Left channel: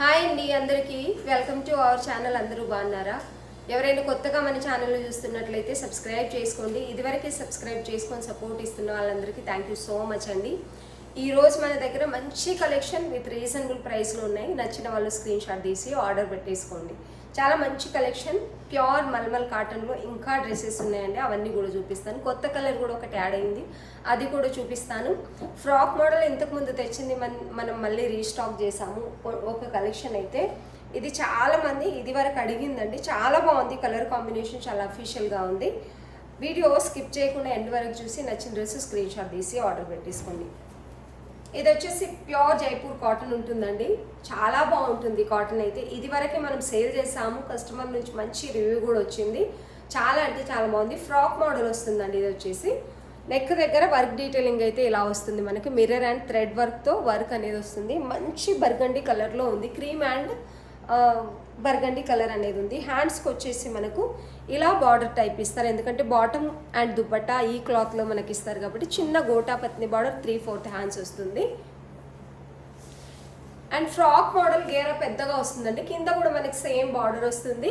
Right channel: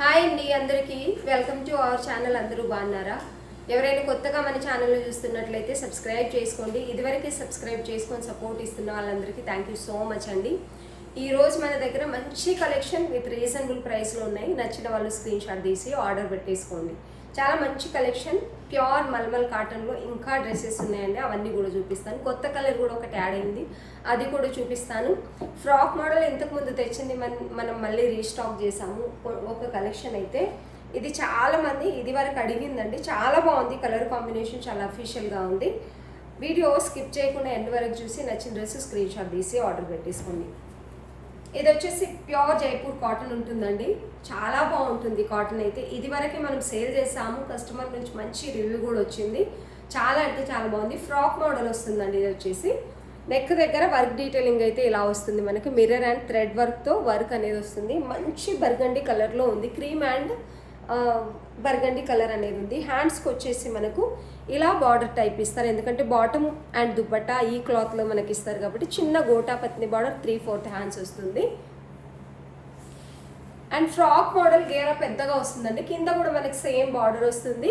Hi అండి అందరికీ welcome to our channel. అందరూ బాగున్నారా? ఎవరైనా కొత్తగా మన ఛానల్లో చూస్తున్నట్లయితే సబ్స్క్రైబ్ చేసుకోండి. ఇదివరకే సబ్స్క్రైబ్ చేసుకొని సపోర్ట్ ఇస్తున్న వాళ్ళందరికీ థ్యాంక్ యూ సో మచ్ అండి. ఈరోజు మన దగ్గర మంచి కలెక్షన్ విత్ రీజనబుల్ ప్రైస్లో ఉన్నాయి. నచ్చిన వాళ్ళు స్క్రీన్ షాట్ తీసి ఆర్డర్ పెట్టేసుకోండి. చాలా మంచి కలెక్షన్, ప్యూర్ మల్మల్ కాటన్లో ఇంకా డ్రెస్సెస్ ఉన్నాయండి. అవన్నీ కూడా చూపిస్తాను. కొత్త కలర్ కూడా ఒకటి యాడ్ అయింది, అది కూడా చూపిస్తాను. ఫ్రాక్ మోడల్ ఇంతకుముందు తెచ్చింది మనం మళ్ళీ రీస్టాక్ చేసాము ఒక కలెక్షన్ అయితే. ఇది చాలా మంది ఇది వరకు అడిగిందండి. చాలా బాగుంది, కలర్ కాంబినేషన్ చాలా అఫీషియల్గా ఉంది. వీడియో స్కిప్ చేయకుండా ఎండ్ వరకు చూసి నచ్చిన డ్రెస్ స్క్రీన్ షాట్ తీసి ఆర్డర్ పెట్టేసుకోండి. ఇది వచ్చేసి ప్యూర్ జైపూర్ కాటన్ ఉంటుందండి. చాలా బాగుంటుంది కాటన్ అయితే. ఇది వరకే మనం సేల్ చేసాము, కస్టమర్ నుంచి మంచి రివ్యూ కూడా వచ్చింది. చాలా అంటే చాలా బాగుంది. ఫ్రాక్ మోడల్ వస్తుందండి. ఇది వచ్చేసి నెక్ దగ్గర వర్క్ డీటెయిలింగ్ అయితే ఇలా వస్తుంది. మనకి మిర్రర్ అండ్ థ్రెడ్ వర్క్తో వర్క్ అనేది వస్తుంది. మంచి బర్గండి కలర్లో ఉంది. క్రీమ్ అండ్ బర్గండి కలర్ అనేది ఉంది. హ్యాండ్స్కి వచ్చేసి మనకు ఇలా బార్డర్ టైప్ ఇస్తారు, ఎందుకంటే బాటమ్ అండ్ దుపట్టా ఈ క్లాత్లో మనకి ఇస్తారు కాబట్టి చిన్న గోటా పత్ని బార్డర్ 3/4 హ్యాండ్స్ వస్తుంది. అండ్ ఫ్రాక్ మోడల్ గేరా పెద్దగా వస్తుందండి. కింద కూడా మనకి సేమ్ బార్డర్ వస్తుంది,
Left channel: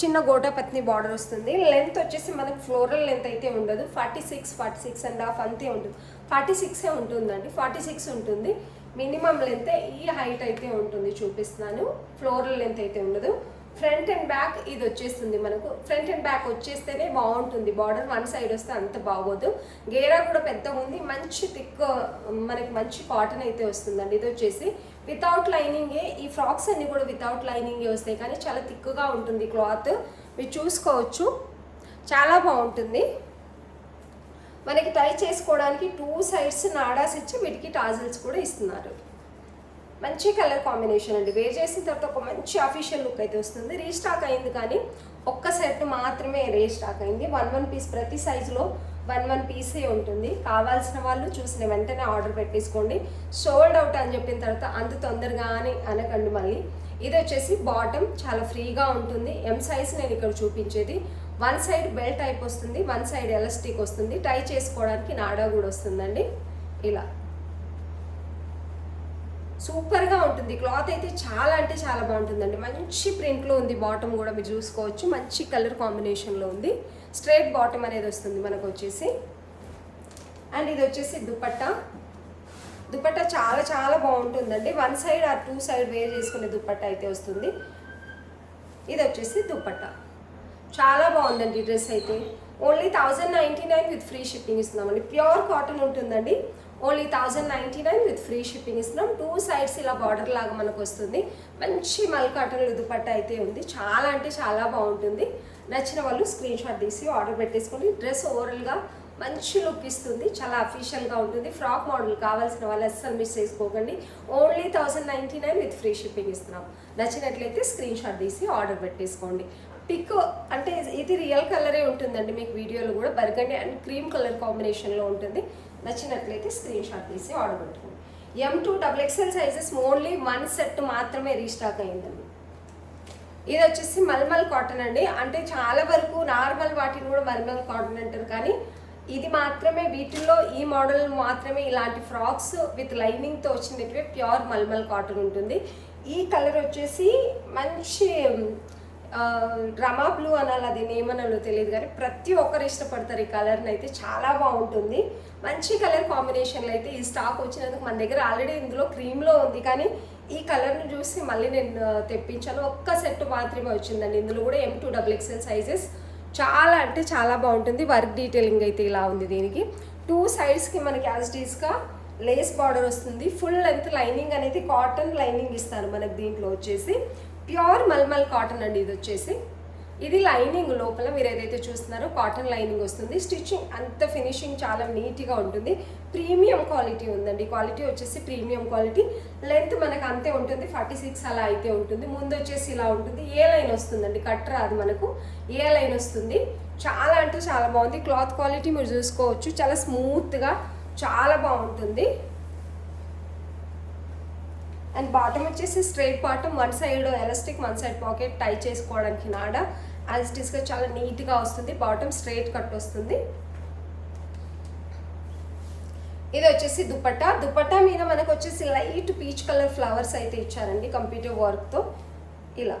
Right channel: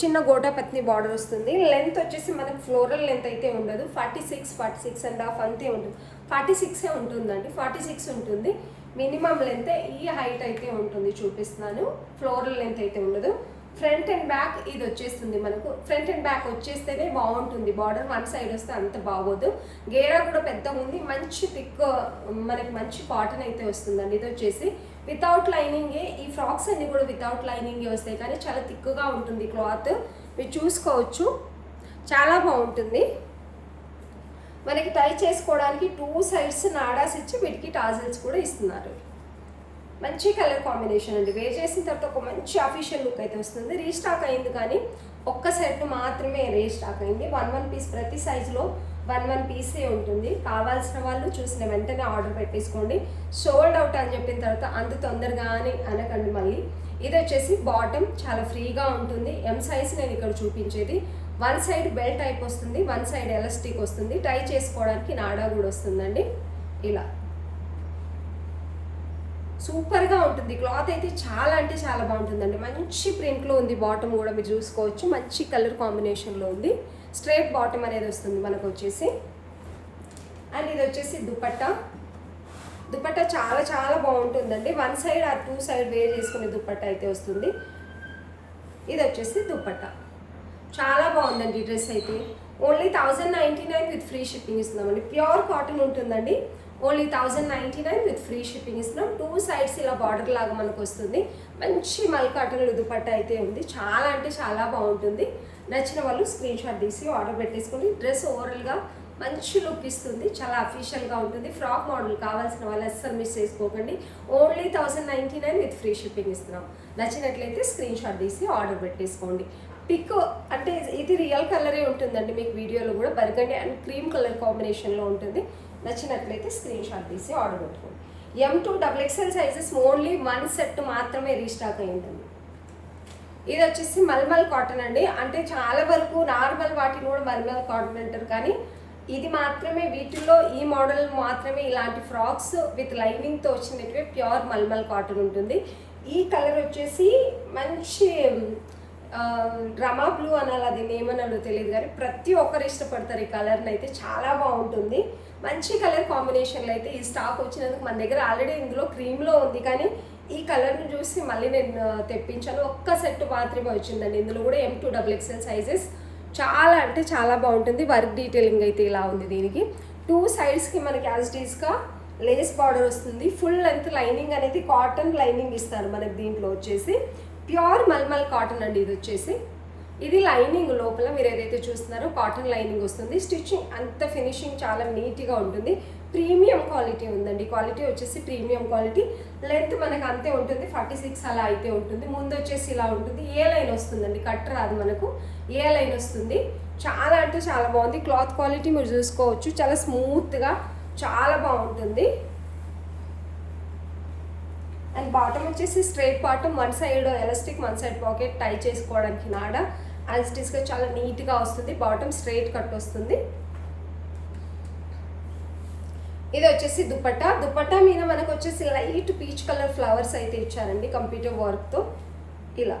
చిన్న గోటా పత్ని బార్డర్ వస్తుంది. లెంత్ వచ్చేసి మనకు ఫ్లోరల్ లెంత్ అయితే ఉండదు. 46.5 అంతే ఉంటుంది. 46 ఉంటుందండి, 46 ఉంటుంది. మినిమం లెంత్ ఈ హైట్ అయితే ఉంటుంది. చూపిస్తున్నాను. ఫ్లోరల్ లెంత్ అయితే ఉండదు. ఫ్రంట్ అండ్ బ్యాక్ ఇది వచ్చేస్తుంది మనకు. ఫ్రంట్ అండ్ బ్యాక్ వచ్చేస్తేనే బాగుంటుంది. బార్డర్ వన్ సైడ్ వస్తే అంత బాగోదు. గేరా కూడా పెద్దగా ఉంది. మంచి థిక్ మనకి మంచి కాటన్ అయితే వస్తుందండి. ఇది వచ్చేసి వితౌట్ లైనింగే. ఈ ఫ్రాక్స్ అన్ని కూడా వితౌట్ లైనింగే వస్తాయి, కానీ చాలా థిక్గా ఉంటుంది క్లాత్. మీరు చూసుకోవచ్చు, చాలా బాగుంటుంది. మనకి టై చేసుకోవడానికి 2 సైడ్స్ నాడాస్ ఇచ్చి వీటికి టాజిల్స్ కూడా ఇస్తున్నారు. మంచి కలర్ కాంబినేషన్ అండి. వేర్ చేసిన తర్వాత ఒక మంచి అఫీషియల్ లుక్ అయితే వస్తుంది. రీస్టాక్ అయింది, కానీ ఒక్క సెట్ మాత్రమే రీస్టాక్ అయింది. 1 పీస్, ప్రతి సైజులో 1 పీసే ఉంటుంది. కావాల్సిన వాళ్ళు చూసిన వెంటనే ఆర్డర్ పెట్టేసుకోండి. సోల్డ్ అవుట్ అని చెప్పిన తర్వాత అంత తొందరగా అని అనకండి మళ్ళీ. ఇది వచ్చేసి బాటమ్ చాలా ఫ్రీగా ఉంటుంది. ఎం సైజ్ నేను ఇక్కడ చూపించేది. 1 సైడ్ బెల్ట్ టైప్ వస్తుంది, 1 సైడ్ ఎలాస్టిక్ వస్తుంది. టై చేసుకోవడానికి నాడా కూడా వస్తుందండి. ఇలా సూపర్గా ఉంటుంది. క్లాత్ అయితే చాలా అంటే చాలా బాగుంటుందండి. మంచి ప్రింట్లో ఉంది. బాటమ్ కూడా మీరు చూసుకోవచ్చు, మంచి కలర్ కాంబినేషన్లో ఉంది. స్ట్రైట్ బాటమ్ అనేది వస్తుంది మనకు వచ్చేసి. అండ్ ఇది వచ్చేసి దుపట్టా. దుపట్టా చాలా చాలా బాగుంటుందండి. 1 సైడ్ ఆర్ 2 సైడ్ వేర్ చేసుకునే దుపట్టా అయితే వస్తుంది. ఇది వచ్చేసి దుపట్టా. చాలా బాగుందండి ఈ డ్రెస్ అయితే. ఓన్లీ 1099 విత్ ఫ్రీ షిప్పింగ్ ఇస్తున్నామండి. ప్యూర్ కాటన్ ఉంటుందండి. ఓన్లీ 1099 విత్ ఫ్రీ షిప్పింగ్ ఇస్తున్నాం. 2 సైడ్స్ ఇలా బార్డర్ లాగా మనకు వస్తుంది. మంచి మల్ కాటన్ దుపట్టా అయితే ఉంది. చాలా అంటే చాలా బాగుంటుంది. నచ్చిన వాళ్ళు స్క్రీన్ షాట్ తీసి ఆర్డర్ పెట్టేసుకోండి. డ్రెస్ ఓవరాల్గా మంచి లుక్ ఇస్తుంది, చాలా అఫీషియల్గా ఉంటుంది. ఫ్రాక్ మోడల్ కావాల్సిన వాళ్ళు అస్సలు మిస్ చేసుకోకండి. ఓన్లీ 1099 విత్ ఫ్రీ షిప్పింగ్ ఇస్తున్నాం. నచ్చినట్లయితే స్క్రీన్ షాట్ తీసి ఆర్డర్ పెట్టేసుకోండి. పిక్ అంటే ఇది రియల్ కలరే ఉంటుందండి. మీకు వీడియోలో కూడా బర్గండి అండ్ క్రీమ్ కలర్ కాంబినేషన్లో ఉంటుంది. నచ్చినట్లయితే స్క్రీన్ షాట్ తీసి ఆర్డర్ పెట్టుకోండి. M2 XXL sizes only 1 set మాత్రమే రీస్టాక్ అయ్యిందండి. ఇది వచ్చేసి మల్మల్ కాటన్ అండి. అంటే చాలా వరకు నార్మల్ వాటిని కూడా మల్మల్ కాటన్ అంటారు, కానీ ఇది మాత్రమే వీటిల్లో ఈ మోడల్ మాత్రమే ఇలాంటి ఫ్రాక్స్ విత్ లైనింగ్తో వచ్చినట్టువే ప్యూర్ మల్మల్ కాటన్ ఉంటుంది. ఈ కలర్ వచ్చేసి మంచి రమా బ్లూ అనాలి, అది ఏమనాలో తెలియదు, కానీ ప్రతి ఒక్కరు ఇష్టపడతారు ఈ కలర్ని అయితే. చాలా బాగుంటుంది. మంచి కలర్ కాంబినేషన్లో అయితే ఈ స్టాక్ వచ్చినందుకు మన దగ్గర ఆల్రెడీ ఇందులో క్రీమ్లో ఉంది, కానీ ఈ కలర్ని చూసి మళ్ళీ నేను తెప్పించాను. ఒక్క సెట్ మాత్రమే వచ్చిందండి. ఇందులో కూడా M2 XXL సైజెస్. చాలా అంటే చాలా బాగుంటుంది. వర్క్ డీటెయిలింగ్ అయితే ఇలా ఉంది. దీనికి 2 సైడ్స్కి మనకి యాజ్ డీస్గా లేస్ బార్డర్ వస్తుంది. ఫుల్ లెంత్ లైనింగ్ అనేది కాటన్ లైనింగ్ ఇస్తారు మనకి. దీంట్లో వచ్చేసి ప్యూర్ మల్మల్ కాటన్ అండి. ఇది వచ్చేసి ఇది లైనింగ్ లోపల మీరు ఏదైతే చూస్తున్నారో కాటన్ లైనింగ్ వస్తుంది. స్టిచ్చింగ్ అంత ఫినిషింగ్ చాలా నీట్గా ఉంటుంది. ప్రీమియం క్వాలిటీ ఉందండి. క్వాలిటీ వచ్చేసి ప్రీమియం క్వాలిటీ. లెంత్ మనకు అంతే ఉంటుంది, 46 అలా అయితే ఉంటుంది. ముందు వచ్చేసి ఇలా ఉంటుంది. ఏ లైన్ వస్తుందండి, కట్ రాదు మనకు, ఏ లైన్ వస్తుంది. చాలా అంటే చాలా బాగుంది. క్లాత్ క్వాలిటీ మీరు చూసుకోవచ్చు, చాలా స్మూత్గా చాలా బాగుంటుంది. అండ్ బాటమ్ వచ్చేసి straight bottom, 1 side elastic, 1 side pocket, tie చేసుకోవడానికి నాడా యాజ్ ఇట్ ఈస్గా చాలా నీట్గా వస్తుంది. బాటమ్ స్ట్రైట్ కట్ వస్తుంది. ఇది వచ్చేసి దుపట్టా. దుపట్టా మీద మనకు వచ్చేసి లైట్ పీచ్ కలర్ ఫ్లవర్స్ అయితే ఇచ్చారండి కంప్యూటర్ వర్క్తో. ఇలా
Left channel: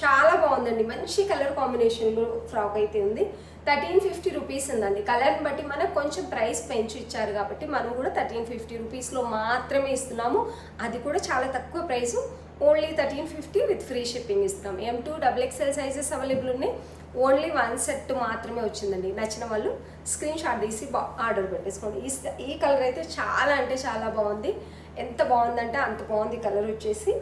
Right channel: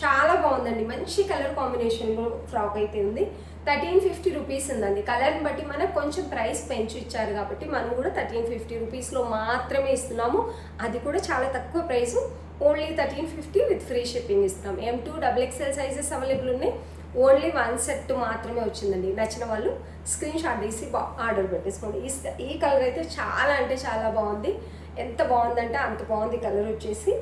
చాలా బాగుందండి, మంచి కలర్ కాంబినేషన్లో ఫ్రాక్ అయితే ఉంది. 1350 రూపీస్ ఉందండి. కలర్ని బట్టి మనకు కొంచెం ప్రైస్ పెంచి ఇచ్చారు కాబట్టి మనం కూడా 1350 రూపీస్లో మాత్రమే ఇస్తున్నాము. అది కూడా చాలా తక్కువ price, only 1350 with free shipping ఇస్తున్నాం. M2 XXL సైజెస్ అవైలబుల్ ఉన్నాయి. ఓన్లీ 1 సెట్ మాత్రమే వచ్చిందండి. నచ్చిన వాళ్ళు స్క్రీన్ షాట్ తీసి ఆర్డర్ పెట్టేసుకోండి. ఈ కలర్ అయితే చాలా అంటే చాలా బాగుంది. ఎంత బాగుందంటే అంత బాగుంది కలర్ వచ్చేసి.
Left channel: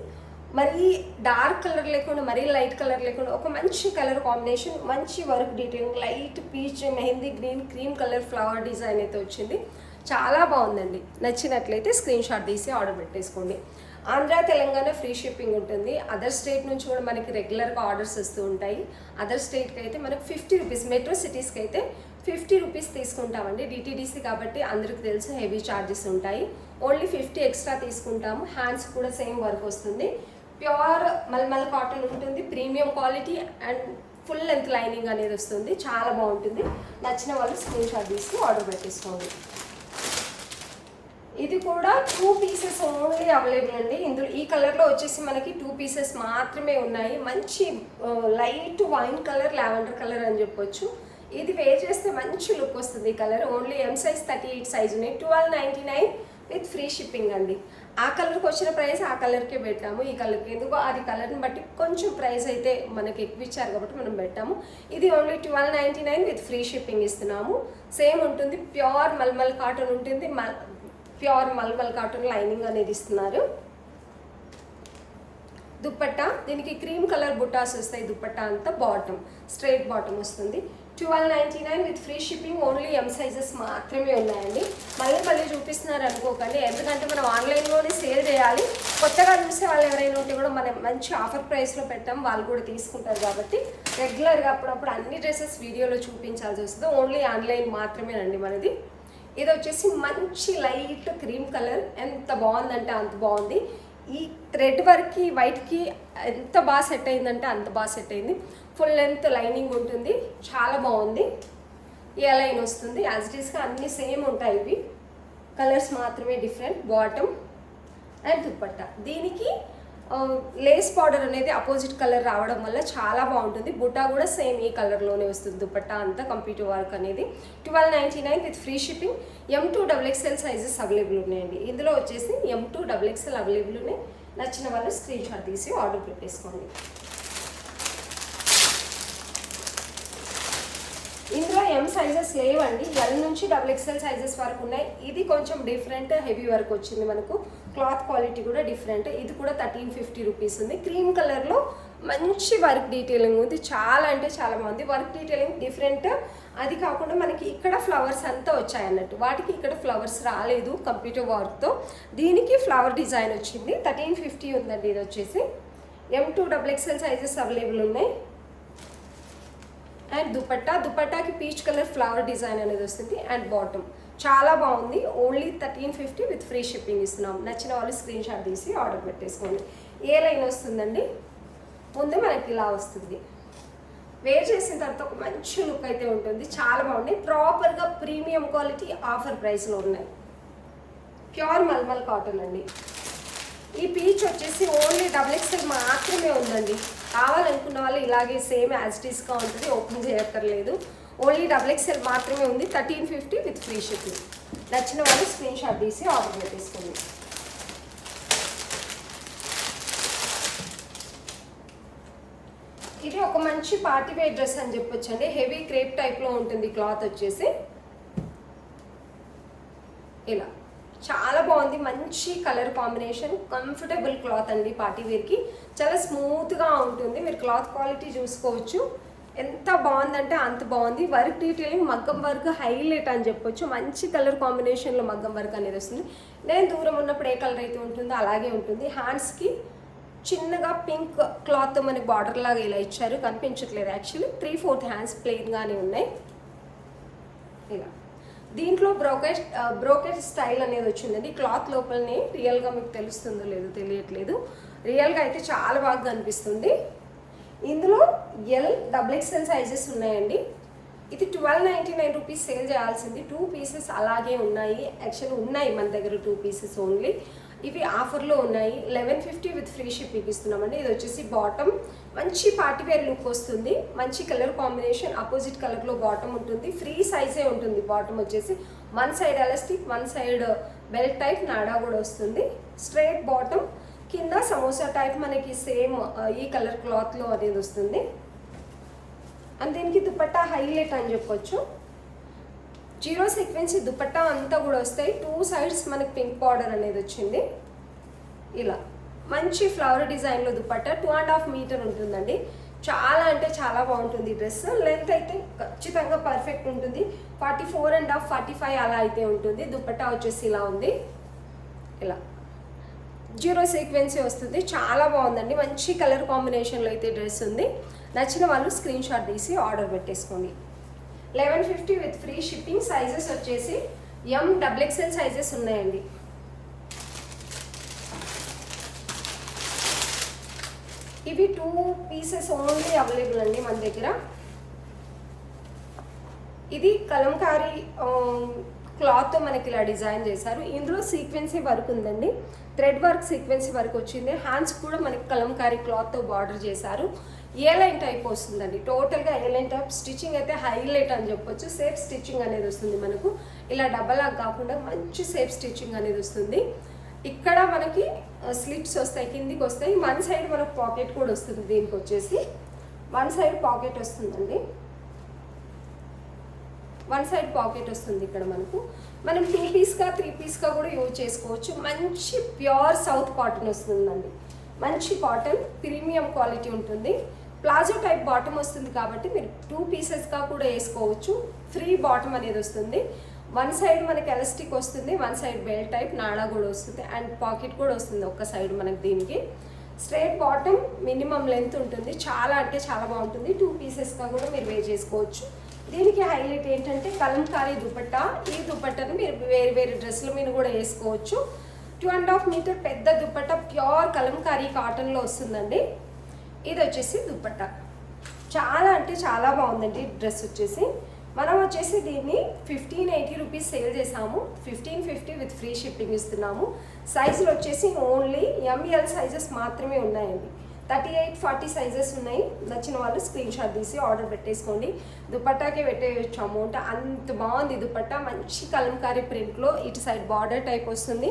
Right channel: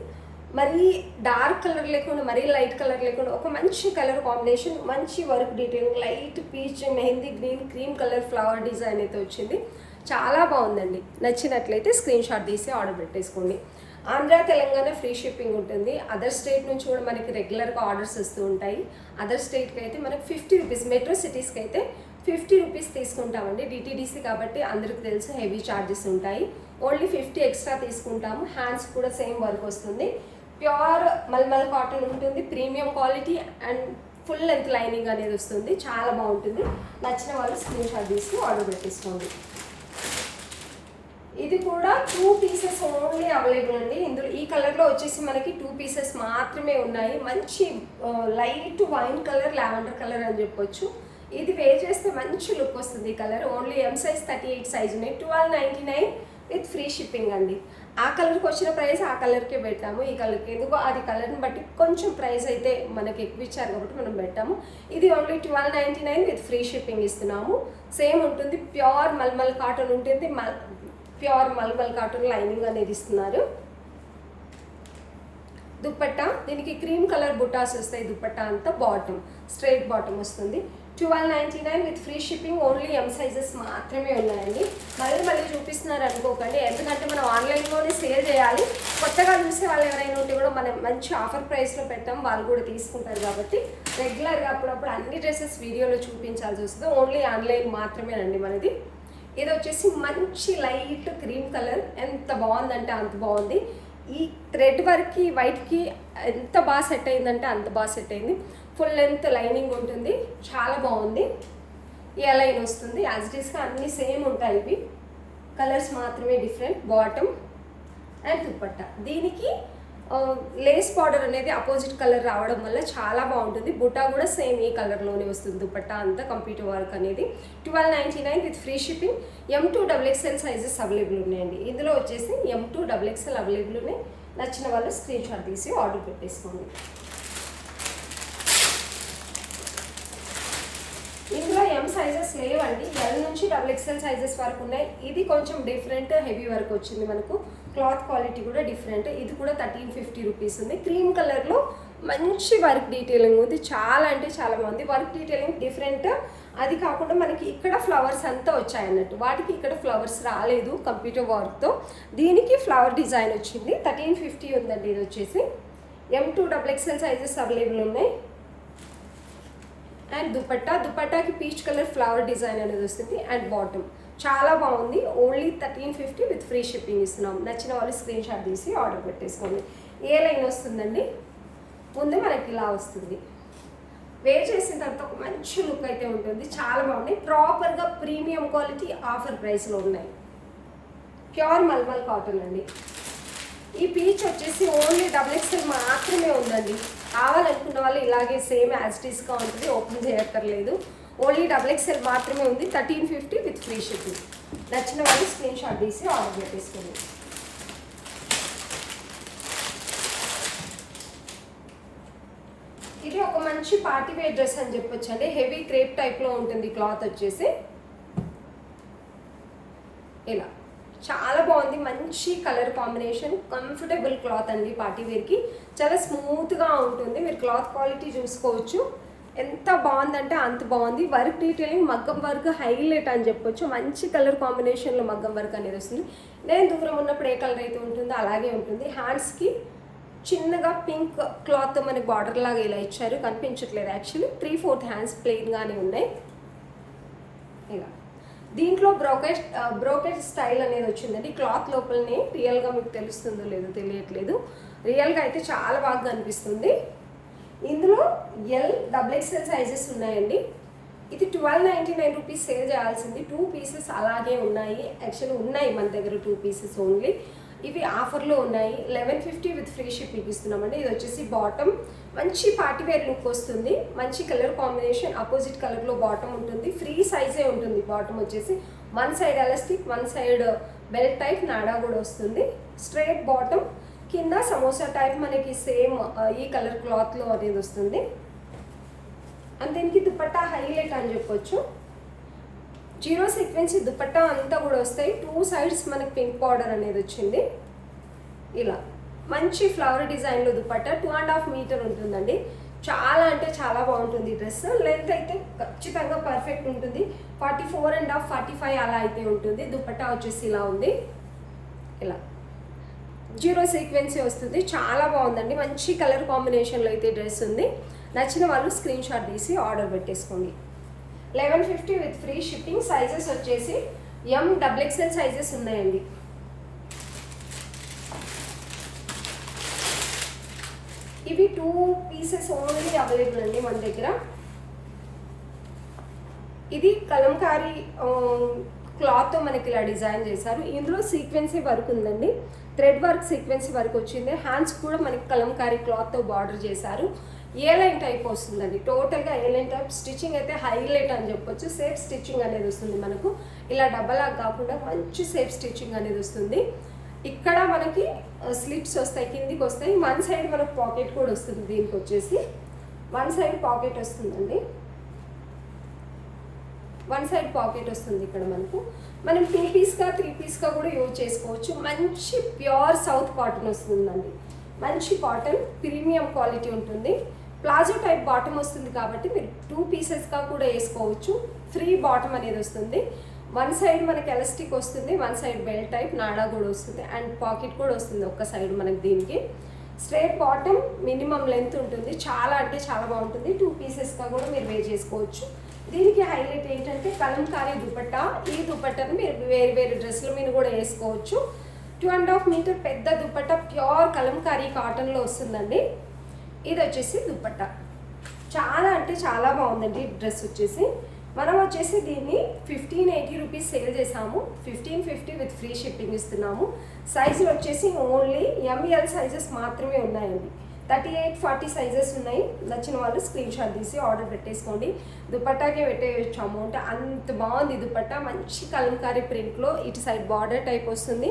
మరీ డార్క్ కలర్ లేకుండా మరీ లైట్ కలర్ లేకుండా ఒక మంచి కలర్ కాంబినేషన్, మంచి work detailing, light peach, mehndi green, cream colour flower design అయితే వచ్చింది. చాలా బాగుందండి. నచ్చినట్లయితే స్క్రీన్ షాట్ తీసి ఆర్డర్ పెట్టేసుకోండి. ఆంధ్ర తెలంగాణ ఫ్రీ షిప్పింగ్ ఉంటుంది. అదర్ స్టేట్ నుంచి కూడా మనకి రెగ్యులర్గా ఆర్డర్స్ వస్తూ ఉంటాయి. అదర్ స్టేట్కి అయితే మనకు 50 రూపీస్, మెట్రో సిటీస్కి అయితే 50 రూపీస్ తీసుకుంటామండి. డిటీడీసీ కాబట్టి అందరికి తెలుసు హెవీ ఛార్జెస్ ఉంటాయి. ఓన్లీ 50 ఎక్స్ట్రా తీసుకుంటాము. హ్యాండ్స్ కూడా సేమ్ వర్క్ వస్తుంది. ప్యూర్ మల్మల్ కాటన్ ఉంటుంది, premium quality and full length lining అనేది వస్తుంది. చాలా బాగుంటుంది. నచ్చిన వాళ్ళు స్క్రీన్ షాట్ తీసి ఆర్డర్ పెట్టేసుకోండి. ఇది కూడా 2 పీసెస్ ఓన్లీ అవైలబుల్ అండి. ఇందులో ఈ కలర్లో వచ్చేసి మనకి 2 పీసెస్ మాత్రమే ఉన్నాయి. మంచి light wine colour, lavender colour అని చెప్పొచ్చు. ఇది వేర్ చేస్తే మంచి లుక్ వస్తుంది. ఈ colour only M size 38 size ఉన్నాయి. 1299 విత్ ఫ్రీ షిప్పింగ్ అండి. ఆ కలర్కి వచ్చిన ప్రైస్ ఆ కలర్కే పెట్టాము. ఈ కలర్కి ఎందుకో అది కలర్ని బట్టి కొంచెం ప్రైస్ అయితే మనకి ఎక్కువ ఇచ్చారు కాబట్టి మనం పెట్టాము. ఇది ఓన్లీ 1299 విత్ ఫ్రీ షిప్పింగ్ ఇస్తున్నాము. సేమ్ ఉంటుంది, ప్యూర్ మల్మల్ కాటన్ ఉంటుంది. ప్యూర్ మల్మల్ కాటన్ లైనింగ్ అనేది ఇస్తున్నారు. దుపట్టా దీనికి క్రీమ్ కలర్ బుటాస్ వస్తాయి. దుపట్టా అంతా బాటమ్, స్ట్రైట్ బాటమ్ వస్తుంది. 1299 with free shipping. Only M sizes మాత్రమే ఉన్నాయండి. మళ్ళీ చూపిస్తున్నారు అనుకోకండి, ఎందుకంటే మనం ఆన్లైన్లోనే సేల్ చేయాలి. కొత్తగా చూసే వాళ్ళు ఎవరైనా ఉంటే కూడా మనం మంచి ఆఫర్ ప్రైస్లో పెట్టాం, వాళ్ళు కూడా తీసుకుంటారు కాబట్టి రెగ్యులర్గా అప్పుడప్పుడు అన్ని డ్రెస్సెస్ వీడియోలో చూపించాల్సి వస్తుంది. ఓన్లీ ఆన్లైన్ మాత్రమేనండి మనది. ఇది వచ్చేసి మంచి లైట్ క్రీమ్ కలర్, ఎంత బాగుందంటే అంత బాగుంది. ఈ థ్రెడ్ వర్క్కి వైట్కి ఎంత బాగా సెట్ అయిందంటే అంత బాగా సెట్ అయింది. ఫుల్ లెంత్ లైనింగ్ ఉంటుంది, చాలా బాగుంది. ఏ లైన్ వస్తుంది, యాజ్ ఇట్ ఈస్గా అన్నీ సేమ్ ఉంటాయి. ఇవి కలర్స్ మాత్రమే డిఫరెంట్. Bottom and dupatta. దీనికి లేస్ బార్డర్ అనేది అపోజిట్ కలర్ రావడం వల్ల చాలా బాగుంటుంది. బుట్టా కూడా సేమ్ ఈ కలర్లోనే వస్తుంది. దుపట్టా అంతా కంప్యూటర్ వర్క్ అనేది. 1299 with free shipping. M2 XXL sizes available ఉన్నాయండి. ఇందులో వచ్చేసి M2 XXL అవైలబుల్ ఉన్నాయి. నచ్చిన వాళ్ళు స్క్రీన్ షాట్ తీసి ఆర్డర్ పెట్టేసుకోండి. ఇందులో M సైజెస్ లేవండి, L నుంచి XXL సైజెస్ వరకు ఉన్నాయి. ఇది కొంచెం డిఫరెంట్, హెవీ వర్క్ వచ్చింది మనకు. క్లాత్ క్వాలిటీ కూడా డిఫరెంట్. ఇది కూడా 1350 రూపీస్ ఉంది. క్రీమ్ కలర్లో మంచి వర్క్ డీటెయిలింగ్ ఉంది. చాలా అంటే చాలా బాగుంది. Work detailing different. అది కాకుండా మనకి ఇక్కడ ఫ్లవర్స్ అంతా వచ్చాయి అన్నట్టు, వాటికి ఇక్కడ ఫ్లవర్స్ రాలేదు కంప్యూటర్ వర్క్తో. దీనికి ఫ్లవర్ డిజైన్ వచ్చింది. 1350 ఉందండి. ఇది వచ్చేసి M2 XXL సైజెస్ అవైలబుల్ ఉన్నాయి. అండ్ దుపట్టాకి పీచ్ కలర్ ఫ్లవర్ డిజైన్ అనేది వస్తుంది. అండ్ బాటమ్ చాలా బాగుంది. ఓన్లీ 1350 విత్ ఫ్రీ షిప్పింగ్ ఇస్తున్నాం. నచ్చిన వాళ్ళు స్క్రీన్ షాట్ తీసి ఆర్డర్ పెట్టేసుకోండి. ఏ లైన్ వస్తుందండి, ముందు మనకి ఇలా వస్తుంది. వేర్ చేసిన తర్వాత ఒక మంచి లుక్ అయితే ఉంటుంది. చాలా బాగుంది. ప్రాపర్గా ప్రీమియం క్వాలిటీ ఆఫర్ ప్రైస్లో ఉన్నాయి. ప్యూర్ మల్మల్ కాటన్ అండి. ఈ పీచ్ వచ్చేసి ఓన్లీ XXL మాత్రమే ఉందండి. కావాలనుకున్న వాళ్ళు ఇలాగే సేమ్ యాజ్ ఇట్ ఈస్గా ఉంటుంది, ఓపెన్ చేయక్కర్లేదు. ఓన్లీ XXL మాత్రమే ఉంది. 1350 విత్ ఫ్రీ షిప్పింగ్. నచ్చిన వాళ్ళు స్క్రీన్ షాట్ తీసి ఆర్డర్ పెట్టేసుకోండి. ఇది ఒక మంచి పార్టీ వేర్ డ్రెస్ అని చెప్పొచ్చు అండి. హెవీ క్రేప్ టైప్లో ఉంటుంది. క్లాత్ వచ్చేసి ఇలా చాలా బాగుంది. మంచి కలర్ కాంబినేషన్, కంఫర్టబుల్ క్లాత్ అండి. పార్టీ వేర్కి చాలా స్మూత్గా ఉంటుంది. మీరు క్లాత్ క్వాలిటీ చూసుకోవచ్చు. ఎంత బాగుందంటే అంత బాగుంది. వర్క్ డీటెయిలింగ్ మగ్గం వర్క్ హైలైట్ అని చెప్పొచ్చు. మంచి కలర్ కాంబినేషన్లో మగ్గం వర్క్ అనేది వస్తుంది. నేను దూరం ఉన్నప్పుడు ఏ కలర్ అయితే ఉంటుందో అలాగే ఉంటుంది. హ్యాండ్స్కి చిన్నగా పింక్ క్లాత్తో మనకి బార్డర్ లాగా ఇలా ఇచ్చారు, కనిపించట్లేదు యాక్చువల్లీ. 3/4 హ్యాండ్స్ ప్లెయిన్గానే ఉన్నాయి. ఇలా దీంట్లో బ్రోకెట్ స్టైల్ అనేది వచ్చిందండి. క్లాత్ లోపలనే రియల్గా మీకు తెలుస్తుందో లేదో తెలియట్లేదు. రియల్గా అయితే చాలా బాగా కనిపిస్తుంది. ఇందులో L XXL సైజెస్ ఉన్నాయండి. ఇది 1299 రూపీస్ సేల్ చేయాల్సింది. 2 పీసెస్ అలాగే ఉన్నాయి. యాక్చువల్లీ ఉన్నాయి మన దగ్గర 2 పీసెస్ ఓన్లీ. ఇవి ఆఫర్లో ఉన్నాయి. 1150 విత్ ఫ్రీ షిప్పింగ్ ఇస్తున్నామండి. ఇది వచ్చేసి బాటమ్ మంచి పార్టీవేర్ లుక్ వస్తుంది. మంచి కలర్ కాంబినేషన్, అపోజిట్ కలర్లో బాటమ్ ఉంటుంది. ఫ్రీ సైజే ఉంటుంది బాటమ్ వచ్చేసి. One side elastic, one side belt type నాడా కూడా వస్తుంది. స్ట్రైట్ బాటమ్, కింద సమోసా టైప్ మనకి సేమ్ ఈ కలర్ క్లాత్లో అనేది వస్తుంది. అండ్ దీనికి దుపట్టా హైలైట్ అని చెప్పొచ్చు. 0 సీక్వెన్సీ దుపట్టా అంతా కూడా వస్తాయి. 2 సైడ్స్ మనకి పింక్ బార్డర్ అనేది వచ్చింది. ఇలా మంచి ఫ్లవర్ డిజైన్లో దుపట్టా 2.5 మీటర్ ఉంటుందండి. చాలా అంటే చాలా బాగుంటుంది ఈ డ్రెస్. లెంత్ అయితే ఖచ్చితంగా పర్ఫెక్ట్ ఉంటుంది. 44.5 45 అలా అయితే ఉంటుంది. దుపట్టా వచ్చేసి ఇలా ఉంది. ఇలా 0 సీక్వెన్సీ వస్తుంది. చాలా బాగుందండి. మంచి కలర్ కాంబినేషన్లో అయితే డ్రెస్ ఉంది. నచ్చిన వాళ్ళు స్క్రీన్ షాట్ తీసి ఆర్డర్ పెట్టేసుకోండి. 1150 విత్ ఫ్రీ షిప్పింగ్. సైజెస్ వచ్చేసి XXL సైజెస్ ఉన్నాయండి. ఇవి 2 పీసెస్ ఓన్లీ అవైలబుల్ అండి మన దగ్గర. ఇది కలంకారీ క్లాత్తో మనకి ఇలా డిజైన్ చేశారు. ఇందులో సీక్వెన్సీ వర్క్ ఉందండి. థ్రెడ్ వర్క్ సీక్వెన్సీ వర్క్ వచ్చింది. హ్యాండ్స్ కూడా మనకి కలంకారీ క్లాత్తో బార్డర్ చేశారు. ఏ లైన్ టైప్ వస్తుందండి. టోటల్గా ఏ లైన్ టైప్. స్టిచ్చింగ్ అయితే హైలైట్ అని చెప్పొచ్చు. సేఫ్ స్టిచ్చింగ్ అనేది వస్తుంది మనకు. ఇలా డబ్బలాగా కాకుండా మంచి సేఫ్ స్టిచ్చింగ్ అనేది వస్తుంది. ఇక్కడ మనకి స్లిట్స్ వస్తాయి, కిందికి వస్తాయి. వన్ సైడ్ మనకు పాకెట్ కూడా వస్తుంది. దీనికి వచ్చేసి వన్ సైడ్ పాకెట్ వస్తుందండి. వన్ సైడ్ పాకెట్ వస్తుంది ఇక్కడ మనకు. మనం 2 పీస్గా 3 పీస్గా కూడా యూజ్ చేసుకోవచ్చు. మంచి ప్యూర్ సౌత్ కాటన్ వస్తుందండి. మంచి కాటన్, ప్రీమియం క్వాలిటీ ఉంటుంది. ప్లాజో టైప్ బాటమ్ వస్తుంది కాబట్టి మీరు 2 పీసెస్గా కూడా వేసుకోవచ్చు. ఫ్రీ బాటమ్ అనేది వస్తుంది. వన్ సైడ్ మనకి ఎలాస్టిక్ వస్తుంది, వన్ సైడ్ బెల్ట్ టైప్ నాడా కూడా వస్తుంది. అండ్ పాకెట్ కూడా వస్తుంది ఒక్క సైడ్ మనకి. దీనికి స్ట్రైట్ బాటమ్, మినిమం లెంత్ ఉంటుంది. చాలా అంటే చాలా బాగుంటుంది. 2 పీసెస్గా కూడా మీరు వేర్ చేసుకోవచ్చు. దీనికి హైలైట్ ఏంటంటే కలంకారీ దుపట్టా. ఈ దుపట్టాను మీరు వేరే వేరే డ్రెస్సుల మీద కూడా వేసుకోవచ్చు. 2.5 మీటర్ పెద్ద దుపట్టా, ప్యూర్ కలంకారీ కాటన్లో వస్తుందండి. ఇది వచ్చేసి దుపట్టా. చాలా అంటే చాలా బాగుందండి డ్రెస్ వచ్చేసి. మనం వచ్చేసి దీన్ని 1580 రూపీస్ సేల్ చేసాము. 1550 విత్ ఫ్రీ షిప్పింగ్ ఇస్తున్నాము. సైజులు వచ్చేసి ఓన్లీ ML సైజెస్ మాత్రమే ఉన్నాయండి. 38 40 సైజెస్ ఉన్నాయి. నచ్చిన వాళ్ళు స్క్రీన్ షాట్ తీసి ఆర్డర్ పెట్టేసుకోండి. దుపట్టాకే పెట్టేయచ్చు అమౌంట్. అంత బాగుంది దుపట్టా. మంచి కలంకారీ ప్రింట్లో ఇటు సైడ్ బార్డర్ టైప్ వస్తుంది.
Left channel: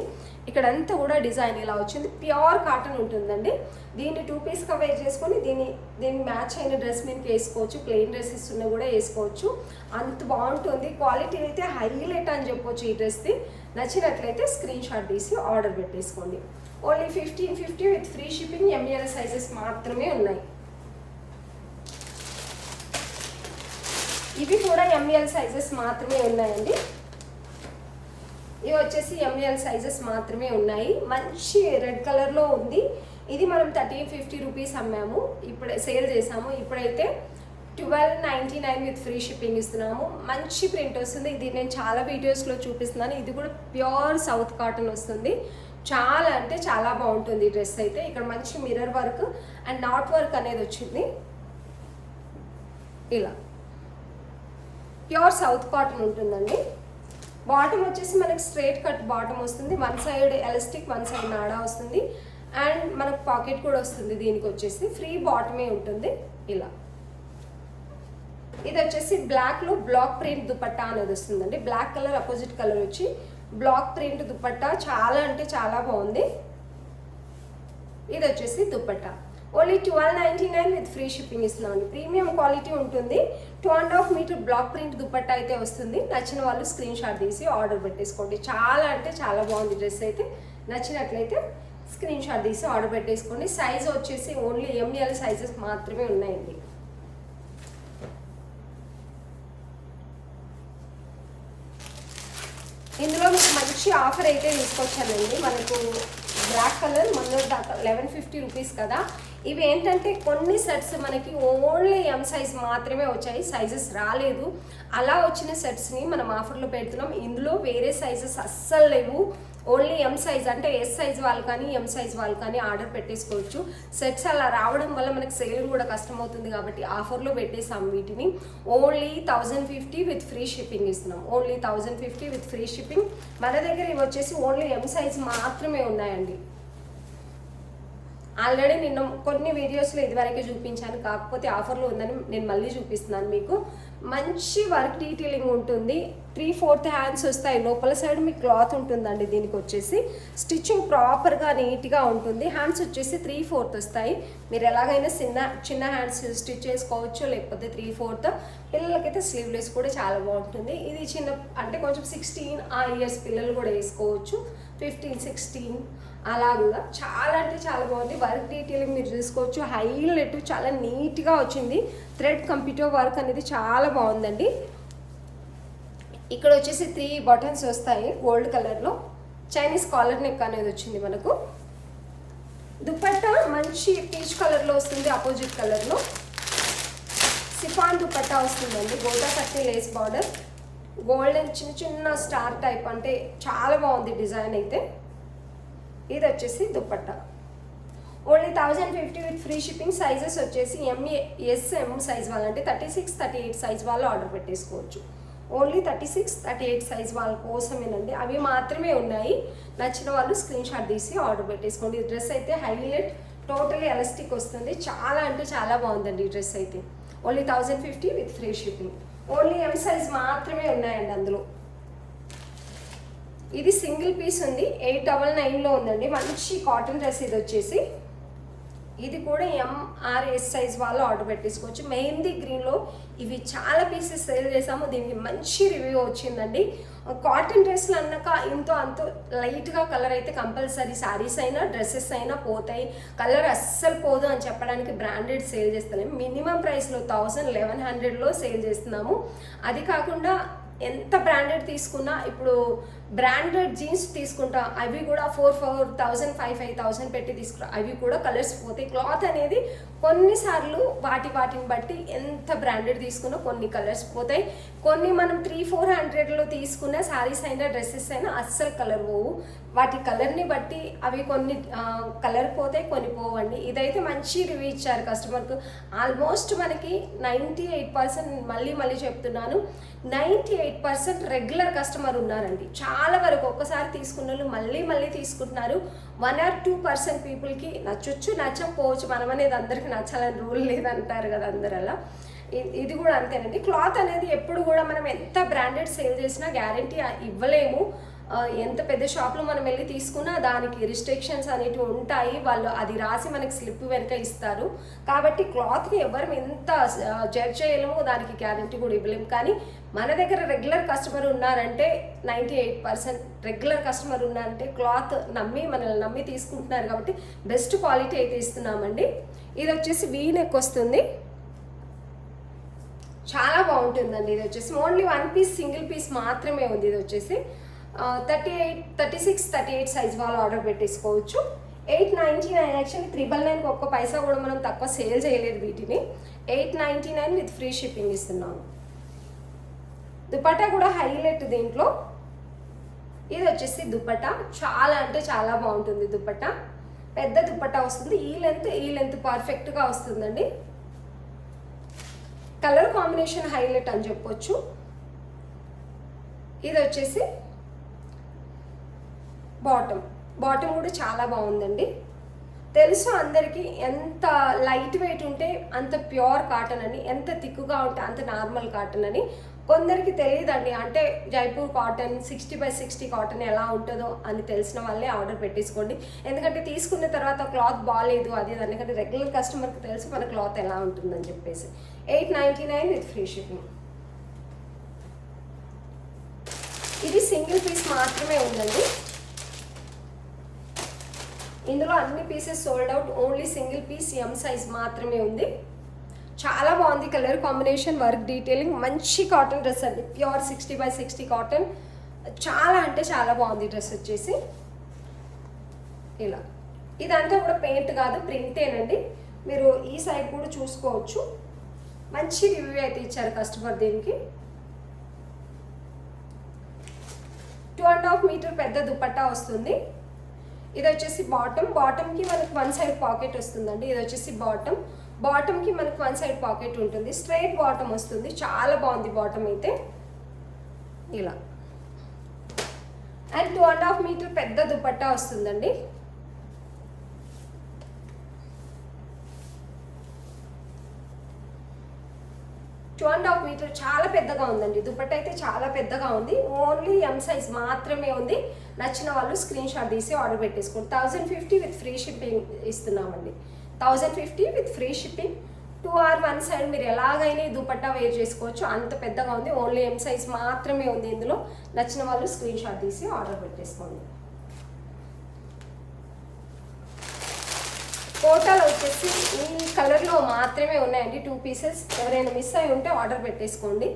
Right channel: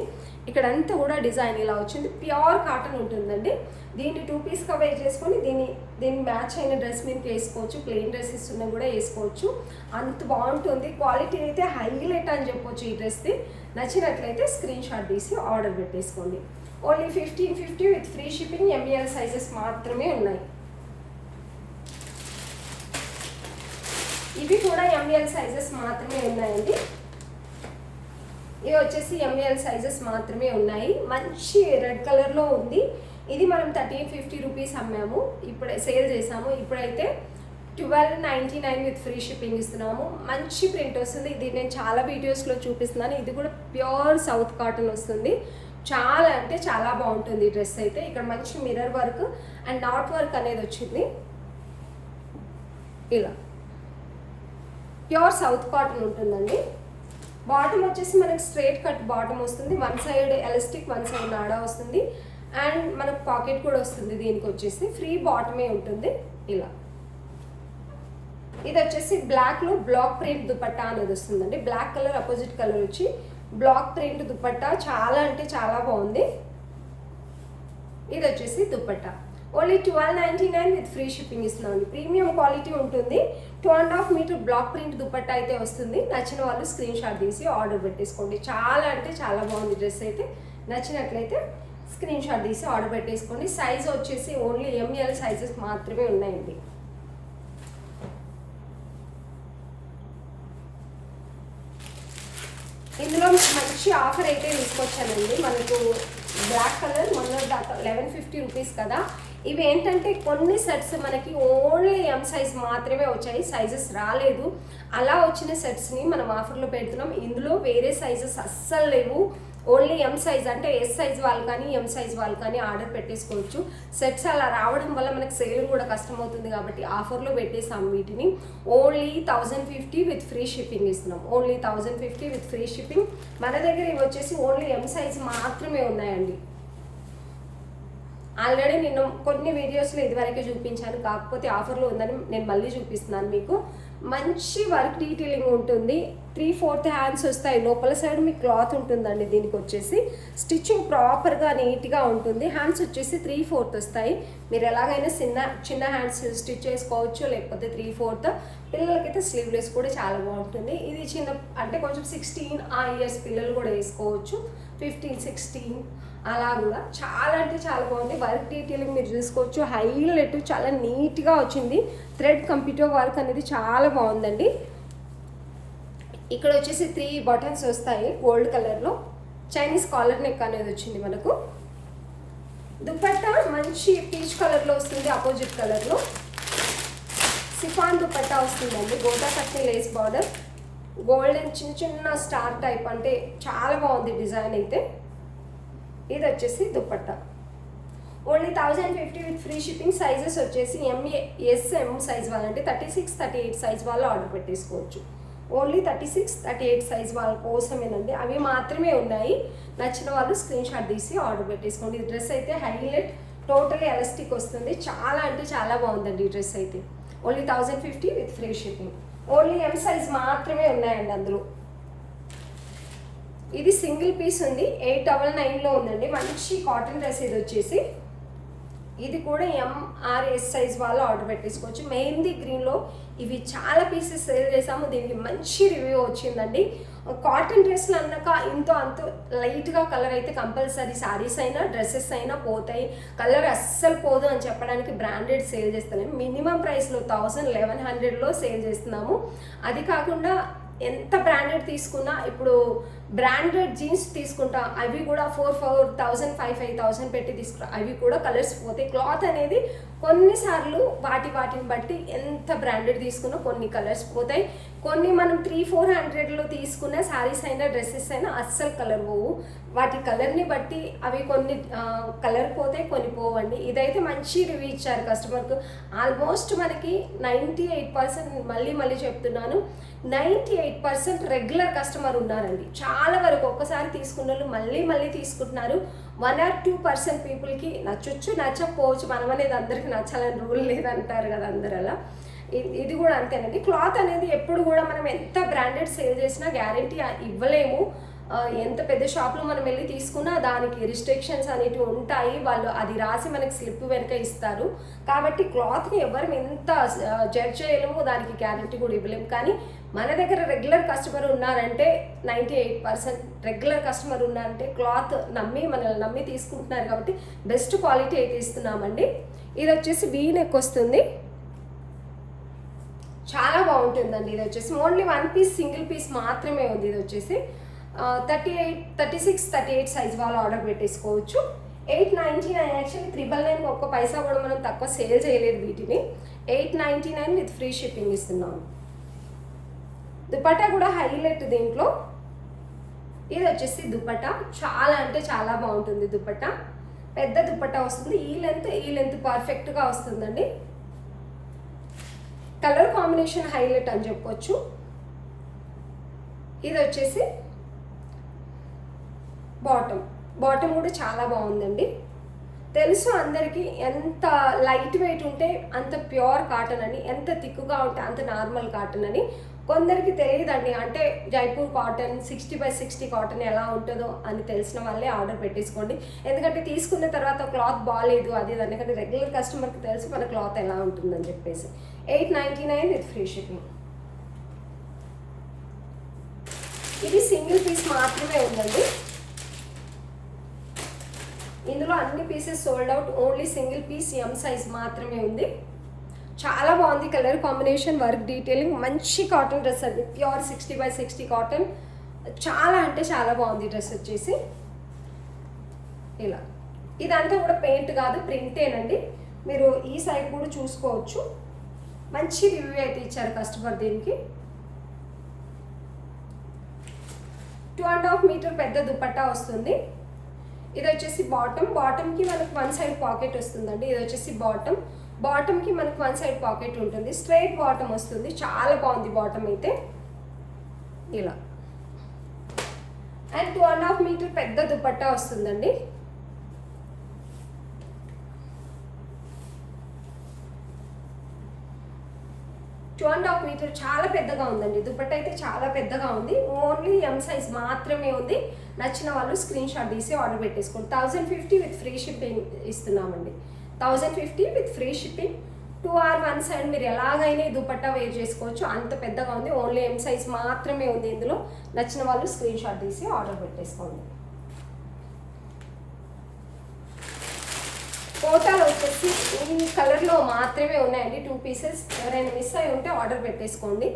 ఇక్కడ అంతా కూడా డిజైన్ ఇలా వచ్చింది. ప్యూర్ కాటన్ ఉంటుందండి. దీన్ని 2 పీస్గా వేర్ చేసుకొని దీన్ని మ్యాచ్ అయిన డ్రెస్ మీదకి వేసుకోవచ్చు. ప్లెయిన్ డ్రెస్సెస్ ఉన్నా కూడా వేసుకోవచ్చు. అంత బాగుంటుంది. క్వాలిటీ అయితే హైలైట్ అని చెప్పొచ్చు ఈ డ్రెస్ది. నచ్చినట్లయితే స్క్రీన్ షాట్ తీసి ఆర్డర్ పెట్టేసుకోండి. Only 1550 with free shipping. ML sizes మాత్రమే ఉన్నాయి. ఇవి కూడా ML సైజెస్ మాత్రమే ఉన్నాయండి. ఇవి వచ్చేసి ML సైజెస్ మాత్రమే ఉన్నాయి. మంచి రెడ్ కలర్లో ఉంది. ఇది మనం 1350 రూపీస్ అమ్మాము. ఇప్పుడే సేల్ చేసాము. ఇప్పుడైతే 1299 విత్ ఫ్రీ షిప్పింగ్ ఇస్తున్నాము. మంచి ప్రింట్ వస్తుంది. ఇది నేను చాలా వీడియోస్లో చూపిస్తున్నాను. ఇది కూడా ప్యూర్ సౌత్ కాటన్ వస్తుంది. చాలా అంటే చాలా బాగుంటుంది డ్రెస్ అయితే. ఇక్కడ మంచి mirror work and knot work అనేది వచ్చింది. ఇలా ప్యూర్ సౌత్ కాటన్ ఉంటుందండి. బాటమ్ వచ్చేసి మనకి స్ట్రైట్ కట్ బాటమ్ వస్తుంది. One side elastic, one side నాడా వస్తుంది. అండ్ మనకు పాకెట్ కూడా వస్తుంది. దీనికి వచ్చేసి ఫ్రీ బాటమే ఉంటుంది. ఇలా ఇది వచ్చేసి బ్లాక్లో బ్లాక్ ప్రింట్ దుపట్టా అనేది వస్తుందండి. బ్లాక్ కలర్ అపోజిట్ కలర్ వచ్చి బ్లాక్ ప్రింట్ దుపట్టా. చాలా అంటే చాలా బాగుంది. ఇది వచ్చేసి dupatta. Only 1299 with free shipping ఇస్తున్నామండి. ప్రీమియం క్వాలిటీ ఉంటుంది. 2.5 మీటర్ బ్లాక్ ప్రింట్ దుపట్టా అయితే వస్తుంది. నచ్చిన వాళ్ళు స్క్రీన్ షాట్ తీసి ఆర్డర్ పెట్టేసుకోండి. చాలా అంటే చాలా బాగుంది డ్రెస్ అయితే. నచ్చినట్లయితే స్క్రీన్ షాట్ తీసి ఆర్డర్ పెట్టేసుకోండి. సైజ్ వచ్చేసి ఓన్లీ ML సైజెస్ మాత్రమే ఉన్నాయండి. ఇందులో మంచి ఆఫర్ అయితే తీసుకొచ్చానండి. మనకు బ్లాక్ కలర్ మొన్న 1150 రూపీస్ కదా. ఇవి ఏంటంటే కొన్ని సెట్స్ మనకి ఓన్లీ M సైజ్ మాత్రమే వచ్చాయి. సైజెస్ రాలేదు. అలా వచ్చిన సెట్స్ని మనం ఆఫర్లో పెడుతున్నాం. ఇందులో వేరే సైజెస్ అస్సలు లేవు. ఓన్లీ ఎం సైజ్ అంటే ఎస్ సైజ్ వాళ్ళు కానీ ఎం సైజ్ వాళ్ళు కానీ ఆర్డర్ పెట్టేసుకోవచ్చు. సెట్స్ అలా రావడం వల్ల మనకు సేల్ కూడా కష్టమవుతుంది కాబట్టి ఆఫర్లో పెట్టేసాం వీటిని. ఓన్లీ 1050 విత్ ఫ్రీ షిప్పింగ్ ఇస్తున్నాం. Only 1050 with free shipping. మన దగ్గర ఇవి వచ్చేసి ఓన్లీ ఎం సైజ్ మాత్రమే ఉన్నాయండి. ఆల్రెడీ నేను కొన్ని వీడియోస్లో ఇదివరకే చూపించాను, కాకపోతే ఆఫర్లో ఉందని నేను మళ్ళీ చూపిస్తున్నాను మీకు. మంచి వర్క్ డీటెయిలింగ్ ఉంటుంది. 3/4 హ్యాండ్స్ వస్తాయి. లోపల సైడ్ మీకు క్లాత్ ఉంటుందండి. దీనికి వచ్చేసి స్టిచ్చింగ్ ప్రాపర్గా నీట్గా ఉంటుంది. హ్యాండ్స్ వచ్చేసి 3/4 వస్తాయి. మీరు ఎలాగైనా చిన్న హ్యాండ్స్ స్టిచ్ చేసుకోవచ్చు, లేకపోతే 3/4. పిల్లలకైతే స్లీవ్లెస్ కూడా చాలా బాగుంటుంది. ఇది చిన్న అంటే కొంచెం 16 ఇయర్స్ పిల్లలు కూడా వేసుకోవచ్చు. 15, 16 అలా కూడా చాలా అంటే చాలా బాగుంది. వర్క్ డీటెయిలింగ్ మీరు చూసుకోవచ్చు. హైలైట్ చాలా నీట్గా వచ్చింది. థ్రెడ్ కంప్యూటర్ వర్క్ అనేది చాలా బాగుందండి. ఇక్కడ వచ్చేసి 3 బటన్స్ వస్తాయి గోల్డ్ కలర్లో. చైనీస్ కాలర్ నెక్ అనేది వచ్చింది మనకు. దుపట్టా మంచి పీచ్ కలర్లో వస్తుంది, అపోజిట్ కలర్లో. సిఫాన్ దుపట్టా వస్తుందండి. గోటా కట్టే లేస్ బార్డర్, గోల్డెన్ చిన్న చిన్న స్టార్ టైప్, అంటే చాలా బాగుంది డిజైన్ అయితే. ఇది వచ్చేసి dupatta. Only 1050 with free shipping. Sizes వచ్చేసి ఎం సైజ్ వాళ్ళంటే 36, 38 సైజ్ వాళ్ళు ఆర్డర్ పెట్టేసుకోవచ్చు. ఓన్లీ 36, 38 సైజ్ వాళ్ళ కోసమేనండి. అవి మాత్రమే ఉన్నాయి. నచ్చిన వాళ్ళు స్క్రీన్ షాట్ తీసి ఆర్డర్ పెట్టేసుకోండి. ఈ డ్రెస్ అయితే హైలైట్, టోటలీ ఎలాస్టిక్ వస్తుంది. చాలా అంటే చాలా బాగుందండి ఈ డ్రెస్ అయితే. Only 1050 with free shipping. Only M size మాత్రమే ఉన్నాయండి అందులో. ఇది సింగిల్ పీస్ ఉంది. 899లో ఉందండి. మంచి కాటన్ డ్రెస్ ఇది వచ్చేసి. ఇది కూడా ఎంఆర్ఎస్ సైజ్ వాళ్ళు ఆర్డర్ పెట్టేసుకోవచ్చు. మెహందీ గ్రీన్లో ఇవి చాలా పీసెస్ సేల్ చేసాము. దీనికి మంచి రివ్యూ వచ్చిందండి. కాటన్ డ్రెస్లు అన్నాక అంత లైట్గా కలర్ అయితే కంపల్సరీ శారీస్ అయినా డ్రెస్సెస్ అయినా పోతాయి. కలర్ అస్సలు పోదు అని చెప్పడానికి బ్రాండెడ్ సేల్ చేస్తున్నాము. మినిమం ప్రైస్లో 1100లో సేల్ చేస్తున్నాము. అది కాకుండా ఎంత బ్రాండెడ్ తీసుకున్నా, ఇప్పుడు బ్రాండెడ్ జీన్స్ తీసుకుంటా, అవి కూడా 4,000, 5,000 పెట్టి తీసుకుంటా, అవి కూడా కలర్స్ పోతాయి. క్లాత్ అనేది కొన్నిసార్లు వాటిని బట్టి ఎంత బ్రాండెడ్ తీసుకున్నా కొన్ని కలర్స్ పోతాయి. కొన్ని మనం 300-400లో తీసుకున్న శారీస్ అయినా డ్రెస్సెస్ అయినా అస్సలు కలర్ పోవు. వాటి కలర్ని బట్టి అవి కొన్ని కలర్ పోతాయి, కొన్ని పోవండి. ఇదైతే మంచి రివ్యూ ఇచ్చారు కస్టమర్కు. ఆల్మోస్ట్ మనకి 98%, మళ్ళీ చెప్తున్నాను, 98% రెగ్యులర్ కస్టమర్ ఉన్నారండి. చాలా వరకు ఒక్కసారి తీసుకున్న వాళ్ళు మళ్ళీ తీసుకుంటున్నారు. 1 or 2% పీపుల్కి నచ్చొచ్చు, నచ్చకపోవచ్చు. మనం అనేది అందరికీ నచ్చాలని రూల్ లేదంటారు కదా అందరు అలా. ఇది కూడా అంతేనండి. క్లాత్ అనేది ఎప్పుడు కూడా మనం ఎంత బ్రాండెడ్ సేల్ చేసినా గ్యారంటీ ఇవ్వలేము. ఎంత పెద్ద షాప్లో మనం వెళ్ళి తీసుకున్నా దానికి రిస్ట్రిక్షన్స్ అనేవి ఉంటాయి. వాళ్ళు అది రాసి మనకి స్లిప్ వెనక ఇస్తారు. కాబట్టి క్లాత్ని ఎవరు ఎంత జడ్జ్ చేయలేము, దానికి గ్యారంటీ కూడా ఇవ్వలేము. కానీ మన దగ్గర రెగ్యులర్ కస్టమర్ ఉన్నారంటే 98% రెగ్యులర్ కస్టమర్ ఉన్నారంటే క్లాత్ మనల్ని నమ్మి తీసుకుంటున్నారు కాబట్టి బెస్ట్ క్వాలిటీ అయితే ఇస్తున్నామండి. ఇది వచ్చేసి వీ నెక్ వస్తుంది. చాలా బాగుంటుందండి. ఇది వచ్చేసి ఓన్లీ 1 పీస్ సింగిల్ పీస్ మాత్రమే ఉంది. ఇది వచ్చేసి 36, 38 సైజ్ వాళ్ళు ఆర్డర్ పెట్టేసుకోవచ్చు. 899. యాక్చువల్లీ 999 ఒక్క పైసా కూడా మనం తక్కువ సేల్ చేయలేదు వీటిని. 899 విత్ ఫ్రీ షిప్పింగ్ ఇస్తున్నాను. దుపట్టా కూడా హైలైట్ దీంట్లో. ఇది వచ్చేసి దుపట్టా చాలా అంటే చాలా బాగుంటుంది. దుపట్టా పెద్ద దుపట్టా వస్తుంది. ఈ లెంత్ పర్ఫెక్ట్గా వస్తుందండి. కలర్ కాంబినేషన్ హైలైట్ అని చెప్పొచ్చు. ఇది వచ్చేసి బాటమ్ కూడా చాలా బాగుందండి. తెలుసు అందరికీ ఎంత లైట్ వెయిట్ ఉంటే అంత ప్యూర్ కాటన్ అని, ఎంత థిక్గా ఉంటే అంత నార్మల్ కాటన్ అని. కొందరికి తెలియదండి. అంటే జైపూర్ కాటన్, 60/60 కాటన్ ఎలా ఉంటుందో అని తెలిసిన వాళ్ళే ఆర్డర్ పెట్టేసుకోండి. ఎందుకంటే తీసుకున్న తర్వాత క్లాత్ బాగాలేదు అది ఎందుకంటే రెగ్యులర్ కస్టమర్కి తెలుసు మన క్లాత్ ఎలా ఉంటుందని చెప్పేసి. 899 విత్ ఫ్రీ షిప్పింగ్. ఇది సింగిల్ పీస్ మాత్రమే ఉందండి. ఇందులో అన్ని pieces sold out. Only single piece M size మాత్రమే ఉంది. చాలా బాగుంది కలర్ కాంబినేషన్, వర్క్ డీటెయిలింగ్. మంచి కాటన్ డ్రెస్ అండి. Pure 60/60 cotton. చాలా అంటే చాలా బాగుంది డ్రెస్ వచ్చేసి. ఇలా ఇదంతా కూడా పెయింట్ కాదు, ప్రింటేనండి. మీరు ఈ సైడ్ కూడా చూసుకోవచ్చు. మంచి రివ్యూ అయితే ఇచ్చారు కస్టమర్ దీనికి. 2.5 మీటర్ పెద్ద దుపట్టా వస్తుంది. ఇది వచ్చేసి బాటమ్కి మనకి వన్ సైడ్ పాకెట్ వస్తుందండి. ఇది వచ్చేసి బాటమ్కి మనకి వన్ సైడ్ పాకెట్ ఉంటుంది. స్ట్రైట్ బాటమ్ వస్తుంది. చాలా బాగుంది బాటమ్ అయితే. ఇలా అండ్ 2.5 మీటర్ పెద్ద దుపట్టా వస్తుందండి. టూ అండ్ హాఫ్ మీటర్ చాలా పెద్దగా ఉందండి. దుపట్టా అయితే చాలా పెద్దగా ఉంది. ఓన్లీ ఎం సైజ్ మాత్రమే ఉంది. నచ్చిన వాళ్ళు స్క్రీన్ షాట్ తీసి ఆర్డర్ పెట్టేసుకోండి. 1050 విత్ ఫ్రీ షిప్పింగ్ ఇస్తున్నామండి. 1050 with free shipping. 2 or 1 side మీరు ఎలాగైనా ఈ దుపట్టా వేర్ చేసుకోవచ్చు. అంత పెద్దగా ఉంది. ఓన్లీ ఎం సైజ్ మాత్రమే ఉంది ఇందులో. నచ్చిన వాళ్ళు స్క్రీన్ షాట్ తీసి ఆర్డర్ పెట్టేసుకోండి. కోటాలో వచ్చేసి ఈ కలర్లో మాత్రమే ఉన్నాయండి 2 పీసెస్. ఎవరైనా మిస్ అయి ఉంటే ఆర్డర్ పెట్టేసుకోండి.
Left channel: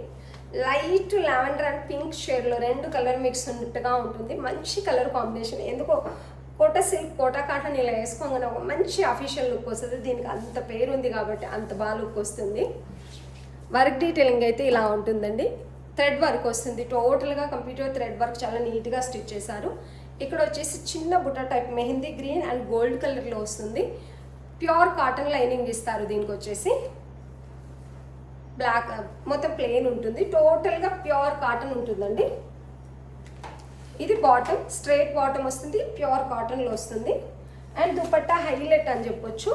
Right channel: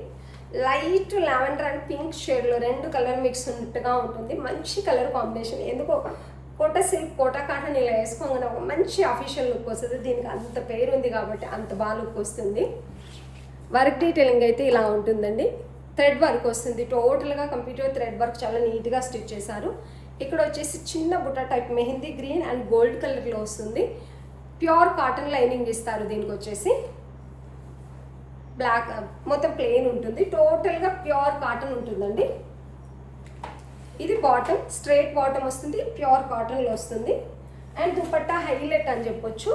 లైట్ లావెండర్ అండ్ పింక్ షేడ్లో 2 కలర్ మిక్స్ ఉన్నట్టుగా ఉంటుంది. మంచి కలర్ కాంబినేషన్. ఎందుకో కోటా సిల్క్, కోటా కాటన్ ఇలా వేసుకోగానే ఒక మంచి అఫీషియల్ లుక్ వస్తుంది. దీనికి అంత పేరు ఉంది కాబట్టి అంత బాగా లుక్ వస్తుంది. వర్క్ డీటెయిలింగ్ అయితే ఇలా ఉంటుందండి. థ్రెడ్ వర్క్ వస్తుంది. టోటల్గా కంప్యూటర్ థ్రెడ్ వర్క్ చాలా నీట్గా స్టిచ్ చేశారు. ఇక్కడ వచ్చేసి చిన్న బుట్ట type mehndi green and gold కలర్లో వస్తుంది. ప్యూర్ కాటన్ లైనింగ్ ఇస్తారు. దీనికి వచ్చేసి బ్లాక్ మొత్తం ప్లెయిన్ ఉంటుంది. టోటల్గా ప్యూర్ కాటన్ ఉంటుందండి. ఇది బాటమ్, స్ట్రైట్ బాటమ్ వస్తుంది. ప్యూర్ కాటన్లో వస్తుంది. అండ్ దుపట్టా హైలైట్ అని చెప్పొచ్చు.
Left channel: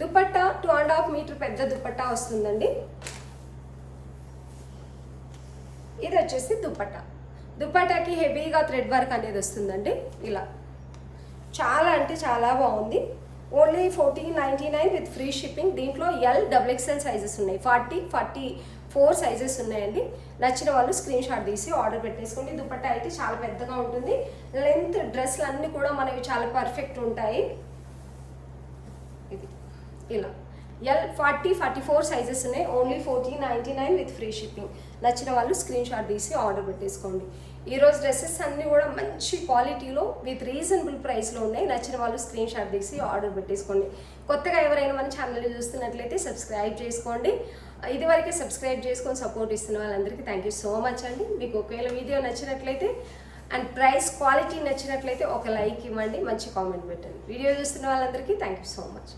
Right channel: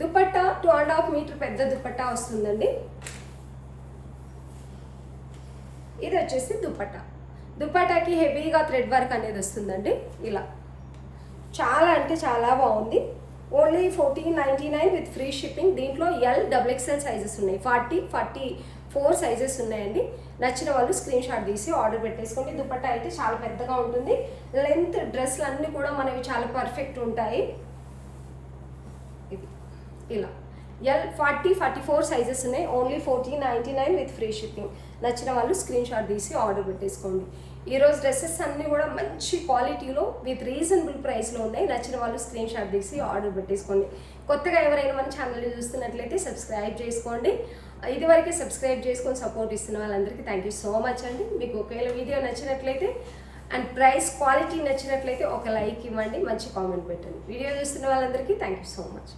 దుపట్టా 2.5 మీటర్ పెద్ద దుపట్టా వస్తుందండి. ఇది వచ్చేసి దుపట్టాకి హెవీగా థ్రెడ్ వర్క్ అనేది వస్తుందండి. ఇలా చాలా అంటే చాలా బాగుంది. Only 1499 with free shipping. దీంట్లో XXL సైజెస్ ఉన్నాయి. 44 సైజెస్ ఉన్నాయండి. నచ్చిన వాళ్ళు స్క్రీన్ షాట్ తీసి ఆర్డర్ పెట్టేసుకోండి. దుపట్టా అయితే చాలా పెద్దగా ఉంటుంది. లెంత్ డ్రెస్లు అన్నీ కూడా మనకి చాలా పర్ఫెక్ట్ ఉంటాయి. ఇది ఇలా 44 సైజెస్ ఉన్నాయి. Only 1499 with free shipping. నచ్చిన వాళ్ళు స్క్రీన్ షాట్ తీసి ఆర్డర్ పెట్టేసుకోండి. ఈరోజు డ్రెస్సెస్ అన్నీ కూడా మంచి క్వాలిటీలో విత్ రీజనబుల్ ప్రైస్లో ఉన్నాయి. నచ్చిన వాళ్ళు స్క్రీన్ షాట్ తీసి ఆర్డర్ పెట్టేసుకోండి. కొత్తగా ఎవరైనా మన ఛానల్ని చూస్తున్నట్లయితే సబ్స్క్రైబ్ చేసుకోండి. ఇదివరకే సబ్స్క్రైబ్ చేసుకొని సపోర్ట్ ఇస్తున్న వాళ్ళందరికీ థ్యాంక్ యూ సో మచ్ అండి. మీకు ఒకవేళ వీడియో నచ్చినట్లయితే అండ్ ప్రైస్ క్వాలిటీ నచ్చినట్లయితే ఒక లైక్ ఇవ్వండి, మంచి కామెంట్ పెట్టండి. వీడియో చూస్తున్న వాళ్ళందరికీ థ్యాంక్ యూ సో మచ్.